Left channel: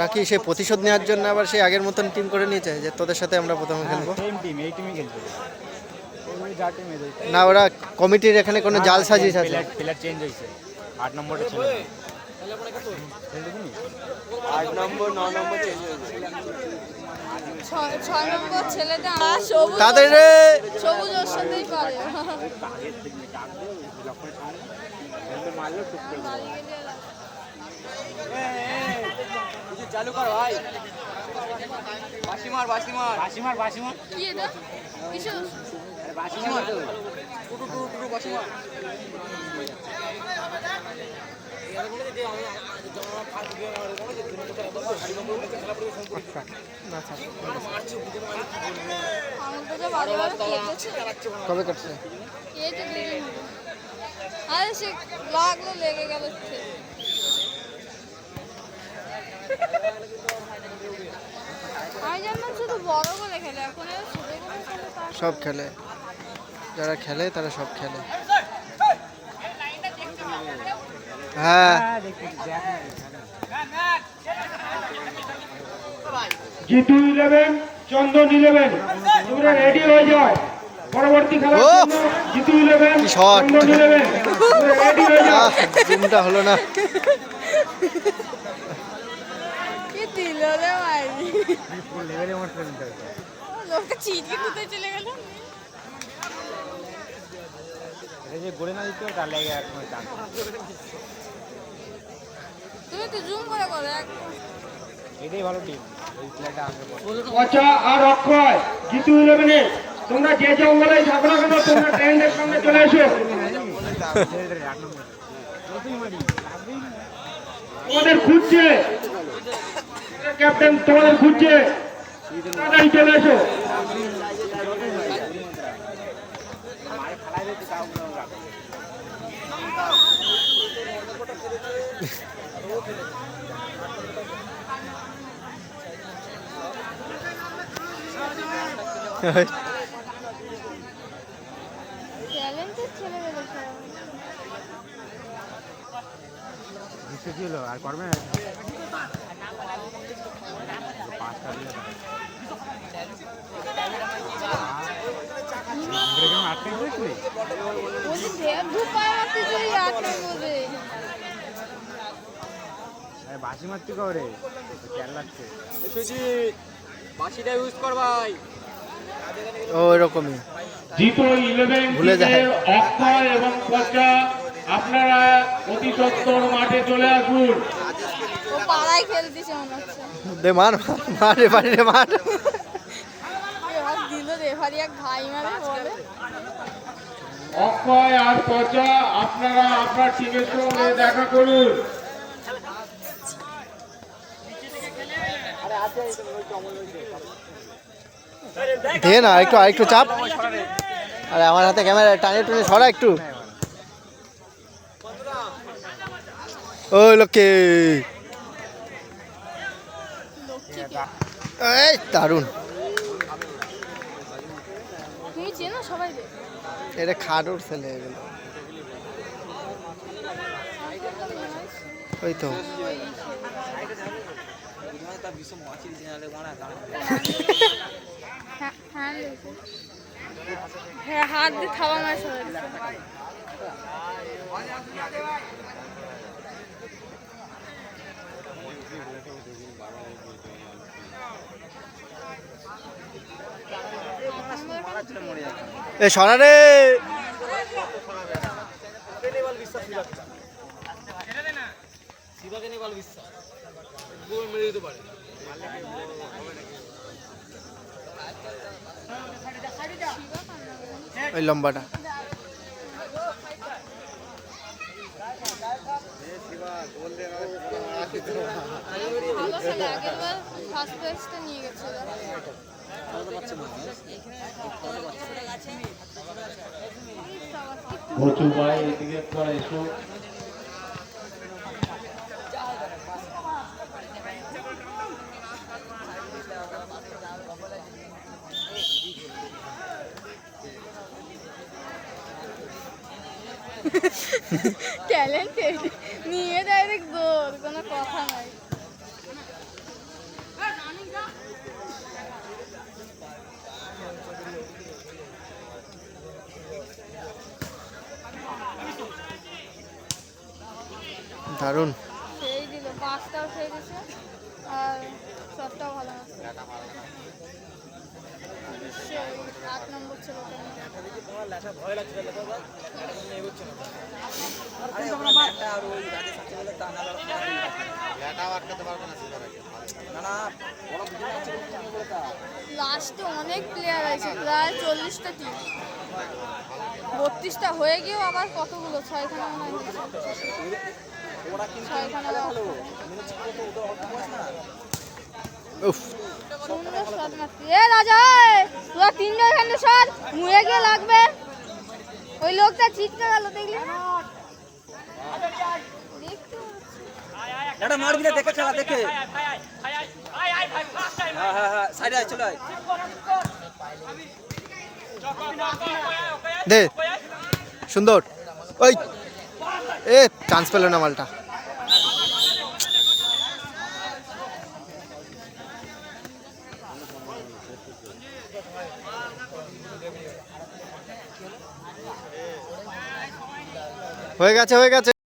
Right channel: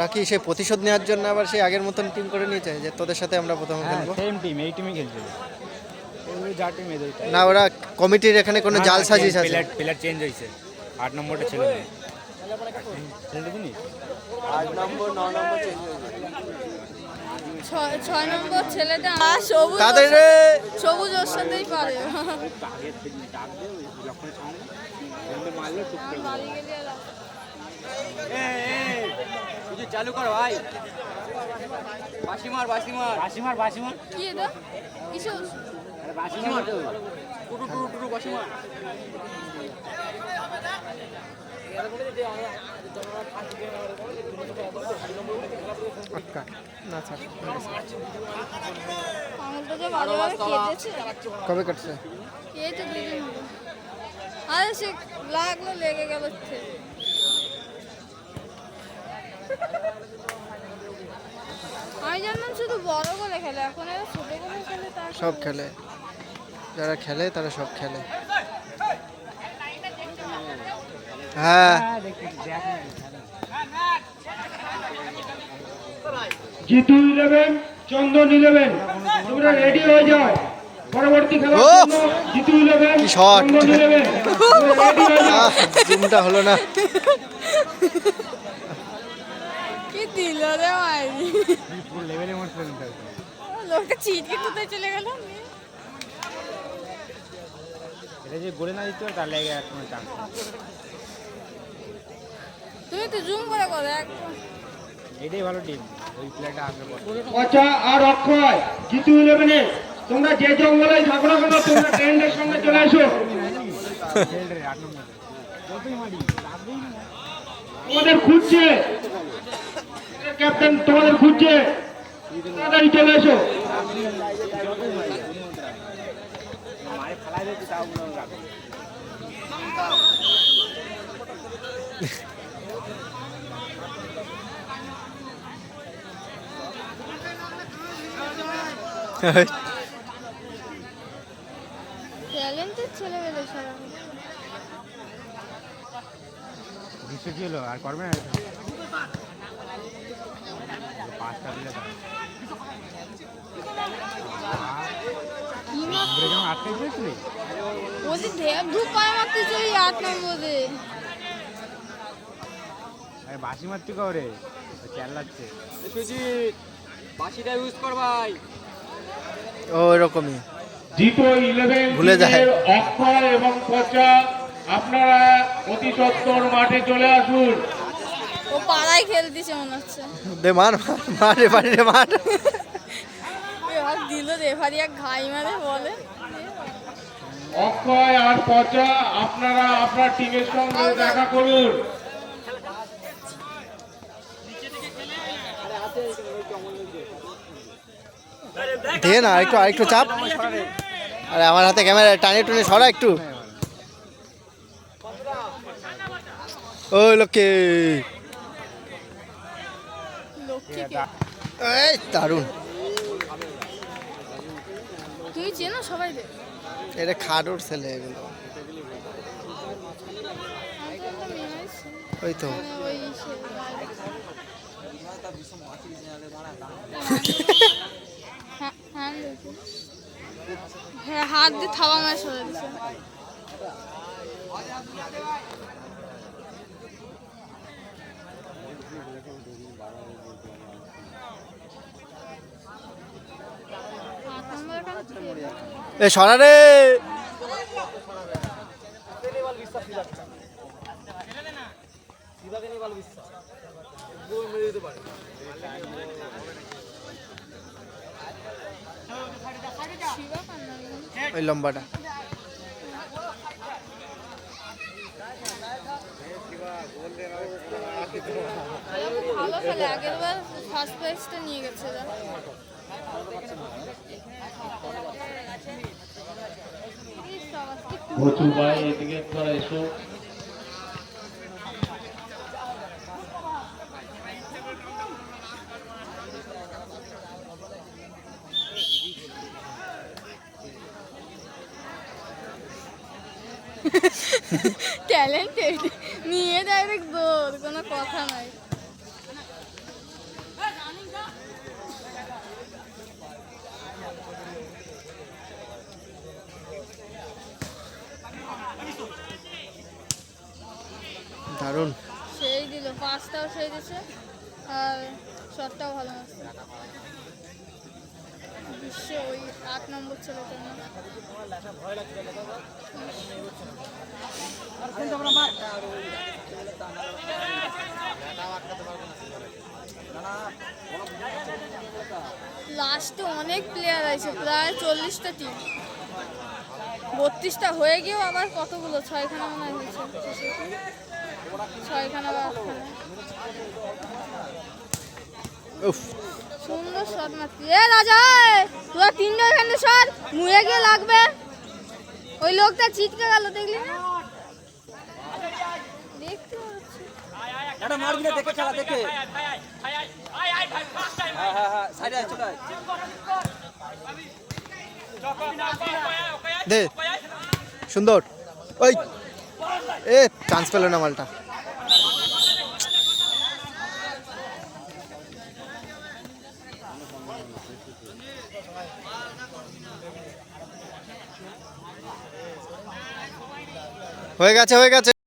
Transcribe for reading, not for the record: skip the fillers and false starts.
ওরা কি সেই প্রতিশোধ নেওয়ার জন্য আবার সেই আগের মতন টিম করে নিয়েছে যে তোদের সাথে আমরা প্রথমে খেলবো? সেম টিম, এই টিমই খেলবে। যা টিম এদের না, ওরা কমিটির এখানে কোনো জাল সাজিশ আছে? প্লেয়ার চেঞ্জ হয়েছে, 8 নম্বরটা ছিল না, 8 নম্বর 9 নম্বর চেঞ্জ হয়েছে। 6 নম্বর ছেলেটা তাদের সবুজ ওর সাথেই করে। চালু করো ভাই, বাসিমার বাসিমার বাসিমার বাসিমার কি এটা কিসব বাসিমার তো টুটু বাসিমার। না থাক। আঙুলটা যে বড় বড় কেটেছে। কবে কাটছে? এই তো 2 দিন হলো। আরে সে লাগলো, লেগে গেল। আমি জানলাম শুধু বড় বলে খেলে, এখন আর ছোট বলে খেলে। তার সব খেলে, যারা খেলে তারা সব খেলে। হ্যাঁ, জিতু 11 চন্দন 11 তোমরা রেডি হয়ে যাও পরবর্তী খেলার জন্য। জিতু 11 কি শট! চন্দন 11 তোমরা রেডি হয়ে যাও। জুমটা হলো না। কি দিল রে মাইরি, ফুল লেভেলে মারতে নিতে লোকে ছিটকে কোথায় চলে গেল। এটা যে গোলে না দিতে তার লাগে আর কোনো চান্স। তুমি তো জুম করে করো একদম। এটাই ভালো টিম, ওই প্লেয়ারটা আসবে। কচা আর অক্ষয় জিতু 11 তোমরা যে জঙ্গলে থাকো না কেন তোমরা ট্রেন্ডের সঙ্গে চলে এসো। তোমাদের খুঁজছে ক্যাপ্টেন, তোমাদের খুঁজছে, তাড়াতাড়ি চলে এসো। ট্যালেন্টেড ছেলে গেলে সব। দিচ্ছে ছিল আর করবে না। পাঁচটা দিলে আটকে দিয়েছিলি বলছি ধূপ পায় মারতে চলে 8 নম্বরে। বাসি মারতে করে খেয়াল লাগছে। সুজিত বাসিটা ইউজ কর ভাই। ও এরকমই জিতু 11 ভুলে যায়। অক্ষয় এবং কচা আপনারা অতি সত্বর মাঠে চলে আসুন। ও পাড়ায় খেলতেছে মনে হচ্ছে। দে মার মার মার, এবারে মার। এবার দিল রেফারি এক ঘাই মারে বলে। অক্ষয় আর কচা আপনারা আপনার টিমের সঙ্গে দেখা করুন। দে না আরেকটু চাপ। আরে আমার হাতে ক্যামেরা টানে টুনে সরা একটু। ওই লোকে এই দারুণ। তুমি চেনো সবাই রে? এটা খাডোর ছেলে এগুলো। ওই তো হ্যাঁ, হাত দিয়ে থাবা মারা সবাই দিছে। এ সরা রে। ওই লম্বাটা ভালো ছেলে, আগের বার ফার্স্ট প্রাইজটা নিয়ে গেছে। বচু ভাই এদিকে পরে এসো। ট্যালেন্টেড নিয়ে ডাইরেক্ট গোল, কোনো কথা নাই। দারুণ। সেই দিল, পাঁচটাও সেই দিছে আর শটটাও ভালো মারছে। বিশ্বে ওই 8 নম্বর ছেলেটা না। লাস্টে অনেক প্লেয়ার আছে, প্রায় 40টা টিম। 32টা হয়ে গিয়েও আবার কতগুলো, 6খানা মনে হয় হয়েছে। 6খানা বা 8খানা। উফ, সুন্দর শট মারছি। এ রাজা, তোরা তিনজন এখানে শট মুয়ে গিয়ে লাগবে। ওই লোকটা ছিটকে গেল, দেখলি না? দেখতে পাচ্ছি। এটা মারবি না, দেখে খেলা দেখে। হ্যাঁ সাইডে আয়, চলে আয়। দে সুন্দর। ওই এ চান্স পেল না মালটা। হয়ে গেছে, হয়ে গেছে।